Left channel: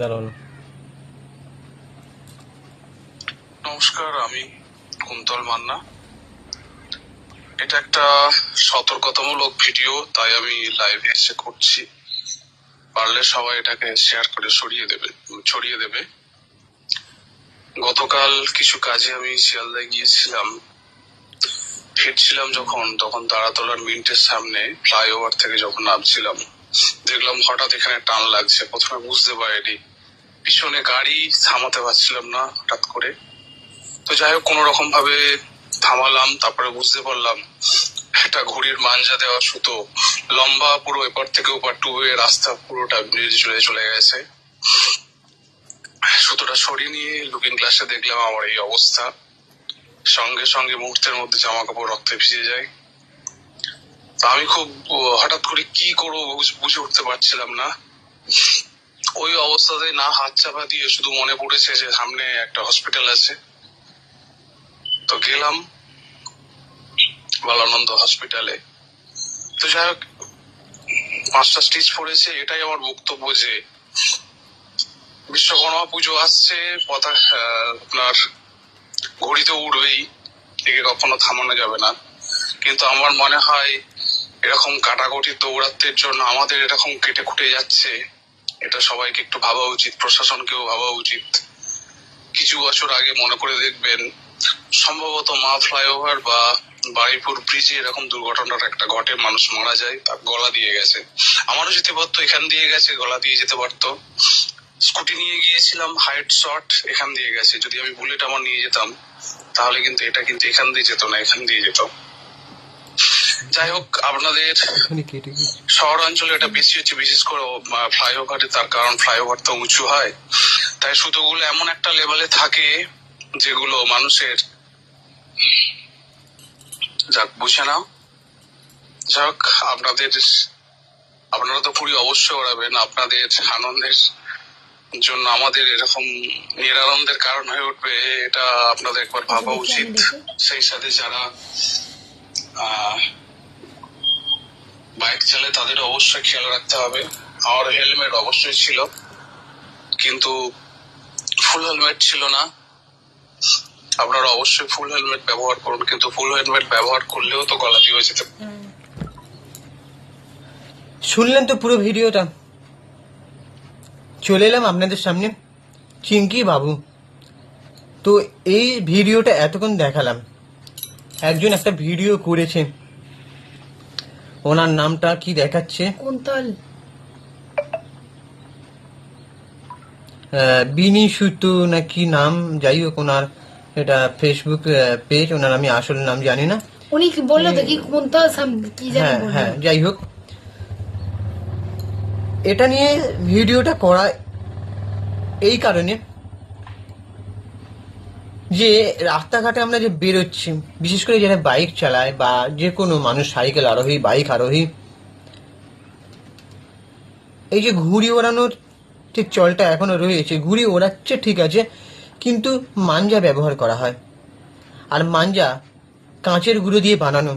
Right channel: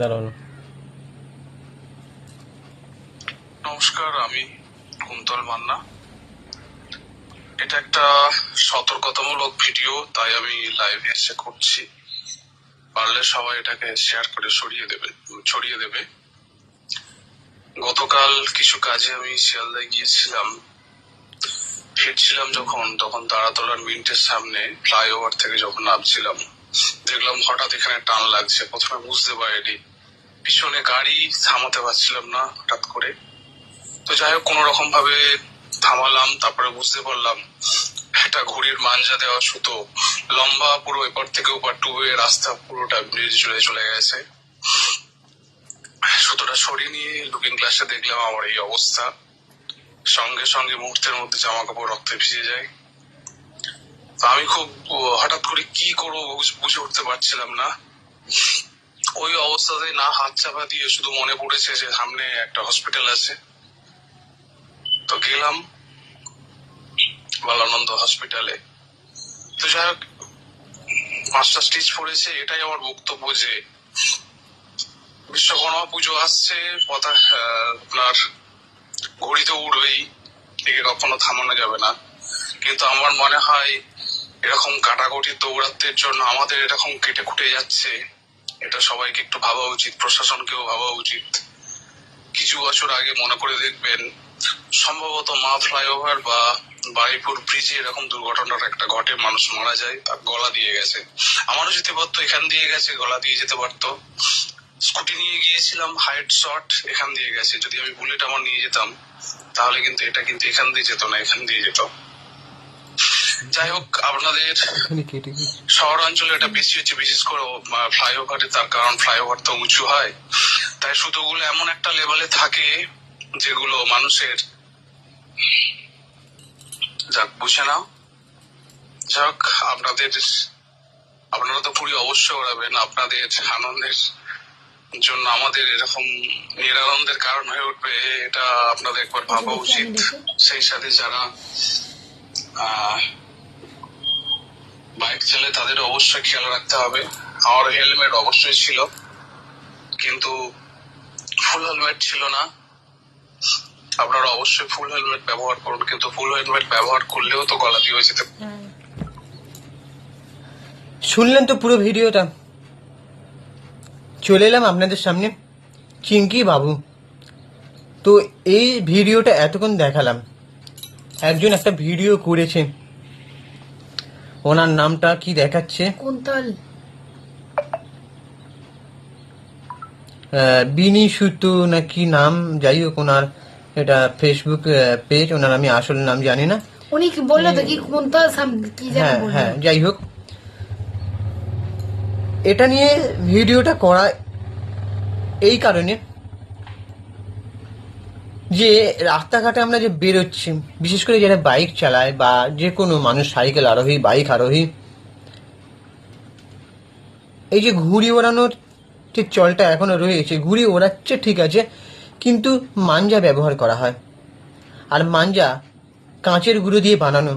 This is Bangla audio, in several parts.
দাঁড়ান। নমস্কার, আমি কুন্তল মান্না। এটা একটা সতর্কতামূলক ভিডিও, তাই আমি লাইভে এসে করছি। পারলে সবাই এটাকে শেয়ার করে ছড়িয়ে দেবে। গতকাল কিছু কাজে আমি শিয়ালদায় গিয়েছিলাম। ফিরছিলাম তখন তারাতলার মিন্টের সামনে ফ্লাইওভার থেকে যখন নামছিলাম, দেখলাম হঠাৎ এখানে টান লাগছে। প্রথমে বুঝতে পারিনি, পিছনে গাড়ি থামাতে পারছিলাম না হঠাৎ করে। তো যাই হোক, কোন রকম ভাবে থামালাম। তারপরে বুঝতে পারলাম একটা ঘুড়ির মাঞ্জা দেওয়া সুতো লম্বা, পুরো এপার থেকে ওপার টুয়ে রাস্তা পুরোটা নিয়ে চলে গেছে। সুতোটা সরিয়ে নিয়ে লুকিং গ্লাসে দেখলাম আমার এই অবস্থা। সঙ্গে সঙ্গে মুহূর্তের মধ্যে জামা কাপড় রক্তে ভিজে যায়। আমি খুব হঠাৎ করে কি করবো বুঝে উঠতে পারছিলাম না। ওই অবস্থাতে না হাত চাপা দিয়ে শুধু মনে পড়েছে যে সামনে একটা হসপিটাল আছে। তো গেলাম বালানন্দ হসপিটালে। তো যাই হোক, 5টা স্টিচ পড়েছে। এটাই আমার বক্তব্য যে বিশ্বকর্মা পুজো আসছে, আপনার ঘড়িতে উড়বেই, একে কখনো থামানো যাবে না। কিন্তু আমার মনে হয় এরকম কাটাকুটি দৌড়াত্মের জন্য আমাদের এরকম কেটে খুঁটে যাচ্ছে। এটা সবাইকে একটু ভাবা উচিত, প্রশাসনকেও ভাবা উচিত। কিছু বছর আগে মনে করে দেখবেন, সম্ভবত মা ফ্লাইওভার বা বারুইপুর ব্রিজে এরকম দুর্ঘটনার একটা ঘটে, মানুষ মারা যায়, তার গলা দিয়ে গেছে। আমারও যেতে পারতো, এখান দিয়ে গেছে, গলা দিয়ে যেতে পারতো। স্কুটি নিয়ে গিয়েছিলাম, হাইট শর্ট, এখান দিয়ে গেছে। যদি আমি বুলেট আমার নিয়ে যেতাম, তাহলে কিন্তু এটা কিন্তু এখান দিয়ে যেত না, এখান দিয়ে যেত। যাই হোক, আপনাদের শহরাঞ্চলে এটা বেশি হচ্ছে, বিশেষ করে ফ্লাইওভারে। তার কারণ ফ্লাইওভার তো উঁচু হয়, তাই সুতোগুলো এমন একটা লেভেলে থাকে যেগুলো মানুষের বুঝে না। যাই হোক, আপনারা তো পুরী অবশ্যই ওড়াবেন। আপনাদের আনন্দের জন্য আমাদের এরকম নিরানন্দের কারণ হয়ে উঠবে, এটা আপনাদের একবার ভাবা উচিত। সেই সাথে যারা বাইক চালায় তাদের অবশ্যই খেয়াল রাখতে হবে। আমার হেলমেট অবশ্যই ছিল, কিন্তু ফুল হেলমেট ছিল না। আপনারা অবশ্যই ফুল হেলমেট ব্যবহার করুন, কিন্তু ফুল হেলমেট ব্যবহার করলেও তো গলা দিয়ে যেতে। শুনলেন তো পুরো ভিডিওটা। চলে এলাম আপনাদের সামনে চিঙ্কি বাবু। তো এই ভিডিওটা এতক্ষণ দেখালাম। একজন একটা ভিডিও করেছে, ওনার নামটা কি দেখাচ্ছে, কুন্তল বিনি সুতু না কি নাম, যাই হোক ওনার এটা ফেসবুক পেজ। ওনার আমি আসল নাম জানি না। উনি কি বললো তো কি কুন্তল কি জানি হ্যাঁ বললো। হ্যাঁ, যাই হোক, এটা নিয়ে ভিডিওটা করা এই কারণে যে রাস্তাঘাটে আমরা যে বেরোচ্ছি, বিশেষ করে যারা বাইক চালায় বা যে কোনো মানুষ, সাইকেল আরোহী, বাইক আরোহী, এই যে ঘুড়ি ওড়ানোর যে চলটা এখনো রয়েছে, ঘুড়ি ওড়াচ্ছে ঠিক আছে, কিন্তু মাঞ্জা ব্যবহার করা হয়। আর মাঞ্জা কাঁচের গুঁড়ো দিয়ে বানানো।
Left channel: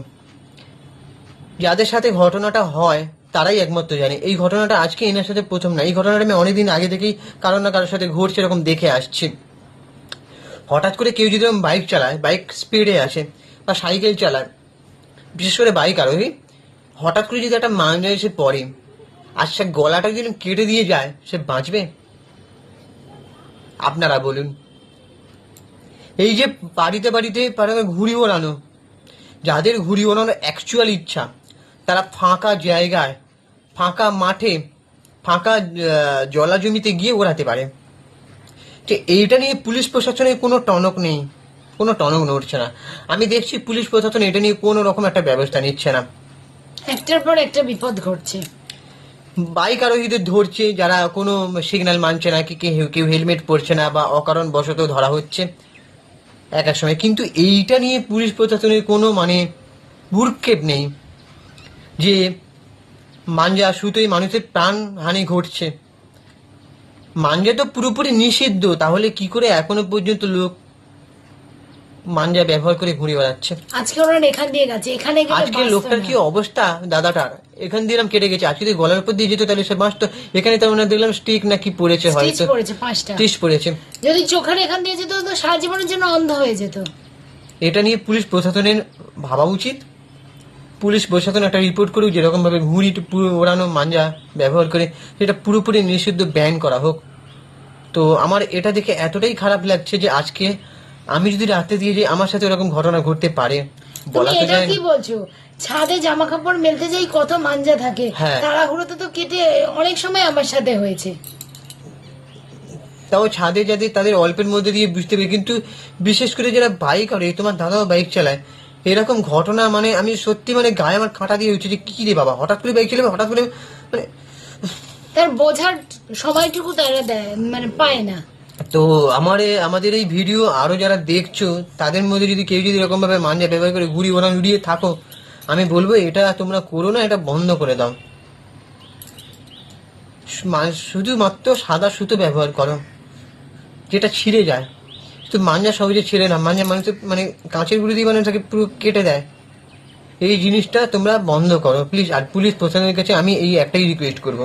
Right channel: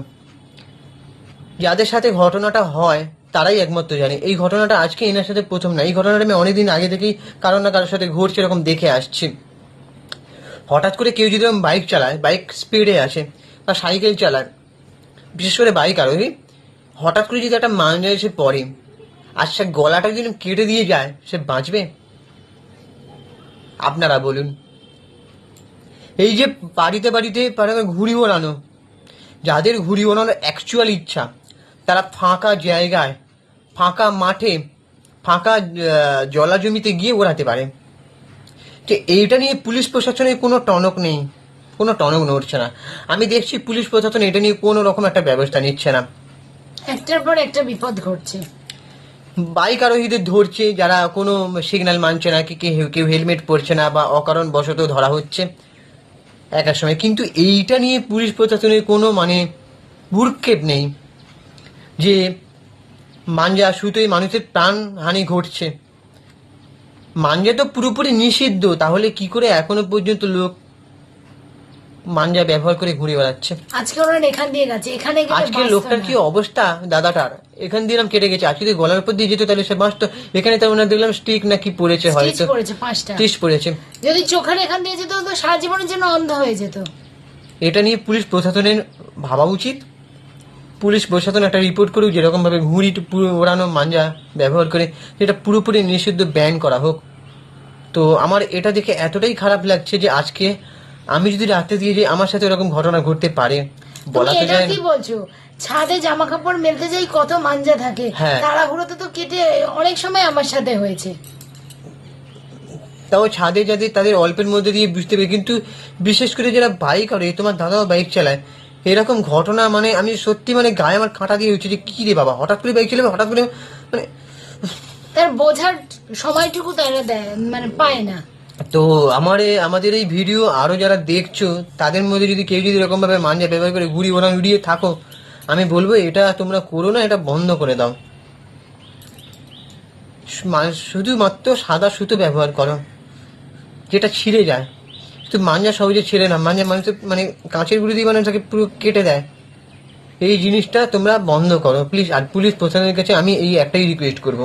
যাদের সাথে ঘটনাটা হয় তারাই একমাত্র জানে। এই ঘটনাটা আজকে এনার সাথে প্রথম না, এই ঘটনাটা আমি অনেকদিন আগে থেকেই কারোর না কারোর সাথে ঘটছে এরকম দেখে আসছি। হঠাৎ করে কেউ যদি বাইক চালায়, বাইক স্পিডে আছে, বা সাইকেল চালায়, বিশেষ করে বাইক আরোহী, হঠাৎ করে যদি একটা মাঞ্জা এসে পড়ে আর সে গলাটা যদি কেটে দিয়ে যায়, সে বাঁচবে? আপনারা বলুন। এই যে বাড়িতে বাড়িতে ঘুড়ি ওড়ানো, যাদের ঘুড়ি ওড়ানোর অ্যাকচুয়াল ইচ্ছা, তারা ফাঁকা জায়গায়, ফাঁকা মাঠে, ফাঁকা জলা জমিতে গিয়ে ওড়াতে পারে। যে এইটা নিয়ে পুলিশ প্রশাসনের কোনো টনক নেই, কোনো টনক নড়ছে না। আমি দেখছি পুলিশ প্রশাসন এটা নিয়ে কোনো রকম একটা ব্যবস্থা নিচ্ছে না। একটার পর একটা বিপদ ঘটছে। বাইক আরোহীদের ধরছে যারা কোনো সিগন্যাল মানছে না, কি কেউ হেলমেট পরছে না, বা অকারণ বশত ধরা হচ্ছে এক এক সময়। কিন্তু এইটা নিয়ে পুলিশ প্রশাসনের কোনো ভ্রুক্ষেপ নেই যে মাঞ্জা সুতোই মানুষের প্রাণ হানি ঘটছে। মাঞ্জা তো পুরোপুরি নিষিদ্ধ, তাহলে কি করে এখনো পর্যন্ত লোক মাঞ্জা ব্যবহার করে ঘুরে বেড়াচ্ছে। আজকে ওরা এখান দিয়ে গেছে, এখানে গেলে আজকে বাঁচতো লোকটার না। কি অবস্থা দাদাটার, এখান দিয়ে এরকম কেটে গেছে। আজকে যদি গলার উপর দিয়ে যেত তাহলে সে বাঁচতো। এখানে তো ওনার দেখলাম স্টিক নাকি পড়েছে, স্টিচ হয়তো পড়েছে 5টা। স্টিচ পড়েছে। যদি চোখের এখান দিয়ে যেত তো সারা জীবনের জন্য অন্ধ হয়ে যেত। এটা নিয়ে পুলিশ প্রশাসনের ভাবা উচিত। পুলিশ প্রশাসন একটা রিপোর্ট করুক, যেরকম ভাবে ঘুড়ি ওড়ানো মাঞ্জা ব্যবহার করে এটা পুরোপুরি নিষিদ্ধ, ব্যান করা হোক। তো আমার এটা দেখে এতটাই খারাপ লাগছে যে আজকে আমি যদি রাখতে দিয়ে যে আমার সাথে এরকম ঘটনা ঘটতে পারে, বলা তুমি তো এটা যায় কি না। বলছো? ছাদে জামা কাপড় মেলতে যাই কত মাঞ্জা থাকে, হ্যাঁ। তাড়াহুড়োতে তো কেটে অনেক সময় আমার সাথে হয়েছে। তাও ছাদে যাদের তাদের অল্পের মধ্যে দিয়ে বুঝতে পারি, কিন্তু বিশেষ করে যারা বাইক আর তোমার দাদাও বাইক চালায়, এরকম ঘটনা মানে আমি সত্যি মানে গায়ে আমার কাঁটা দিয়ে উঠছে যে কি রে বাবা, হঠাৎ করে বাইক চালাবে, হঠাৎ করে মানে। তার বোঝার সময়টুকু তারা দেয় মানে পায় না। তো আমাদের এই ভিডিও আরো যারা দেখছো তাদের মধ্যে যদি কেউ যদি এরকম ভাবে মাঞ্জা ব্যবহার করে ঘুড়ি ওড়ান উড়িয়ে থাকো, আমি বলবো এটা তোমরা করো না, এটা বন্ধ করে দাও। শুধুমাত্র সাদা সুতো ব্যবহার করো, যেটা ছিঁড়ে যায়। তো মাঞ্জা সহজে ছিঁড়ে না, মাঞ্জা মানুষের মানে কাঁচের গুঁড়ি দিয়ে মানে তাকে পুরো কেটে দেয়। এই জিনিসটা তোমরা বন্ধ করো প্লিজ। আর পুলিশ প্রশাসনের কাছে আমি এই একটাই রিকোয়েস্ট করব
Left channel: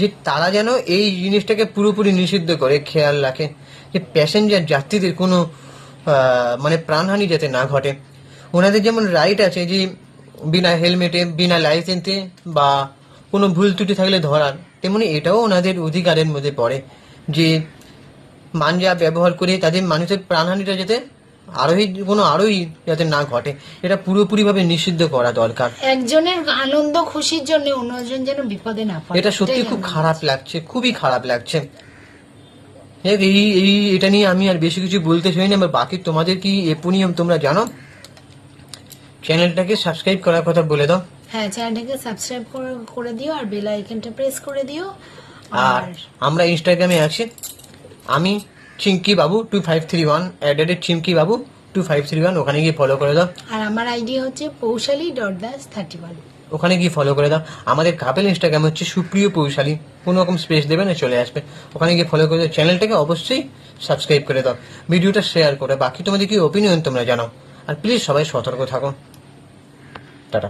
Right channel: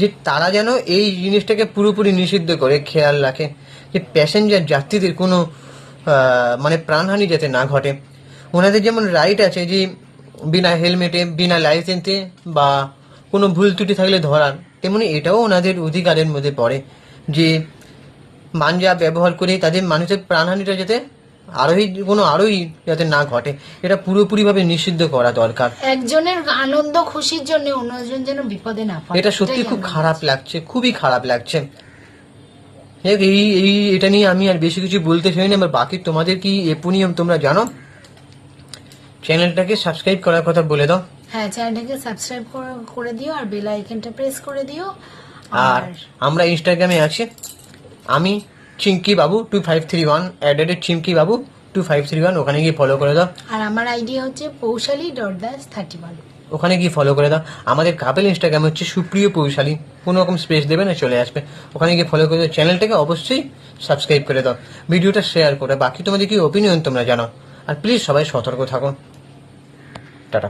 যে তারা যেন এই জিনিসটাকে পুরোপুরি নিষিদ্ধ করে, খেয়াল রাখে যে প্যাসেঞ্জার যাত্রীদের কোনো মানে প্রাণহানি যাতে না ঘটে। ওনাদের যেমন রাইট আছে যে বিনা হেলমেটে, বিনা লাইসেন্সে বা কোনো ভুল ত্রুটি থাকলে ধরার, তেমনি এটাও ওনাদের অধিকারের মধ্যে পড়ে যে মাঞ্জা ব্যবহার করে তাদের মানুষের প্রাণহানিটা যাতে আরোহী যাতে না ঘটে, এটা পুরোপুরি ভাবে নিষিদ্ধ করা দরকার। একজনের আনন্দ খুশির জন্য অন্যজন যেন বিপদে না পড়ে। এটা সত্যি খুব খারাপ লাগছে, খুবই খারাপ লাগছে। এটা নিয়ে আমি আর বেশি কিছু বলতে চাই না। বাকি তোমাদের কি এপনিয়ম তোমরা জানো? চ্যানেলটাকে সাবস্ক্রাইব করার কথা বলে দাও। হ্যাঁ, চ্যানেলটাকে সাবস্ক্রাইব করে দিও আর বেল আইকনটা প্রেস করে দিও। আর আমরা ইনস্টাগ্রামে আছি, আমি চিঙ্কি বাবু 2531 চিঙ্কি বাবু 2531, ওখানে গিয়ে ফলো করে দাও। আর আমার আইডি হচ্ছে পৌশালী.das31। ওখানে গিয়ে ফলো করে দাও। আমাদের কাপেল ইনস্টাগ্রাম হচ্ছে সুপ্রিয় পৌশালী, কোনো রকম স্পেস দেবে না, চলে আসবে। ওখানে গিয়ে ফলো করে দাও। চ্যানেলটাকে অবশ্যই সাবস্ক্রাইব করে দাও, ভিডিওটা শেয়ার করে। বাকি তোমাদের কি ওপিনিয়ন তোমরা জানাও। আর প্লিজ সবাই সতর্ক থাকো। টাটা।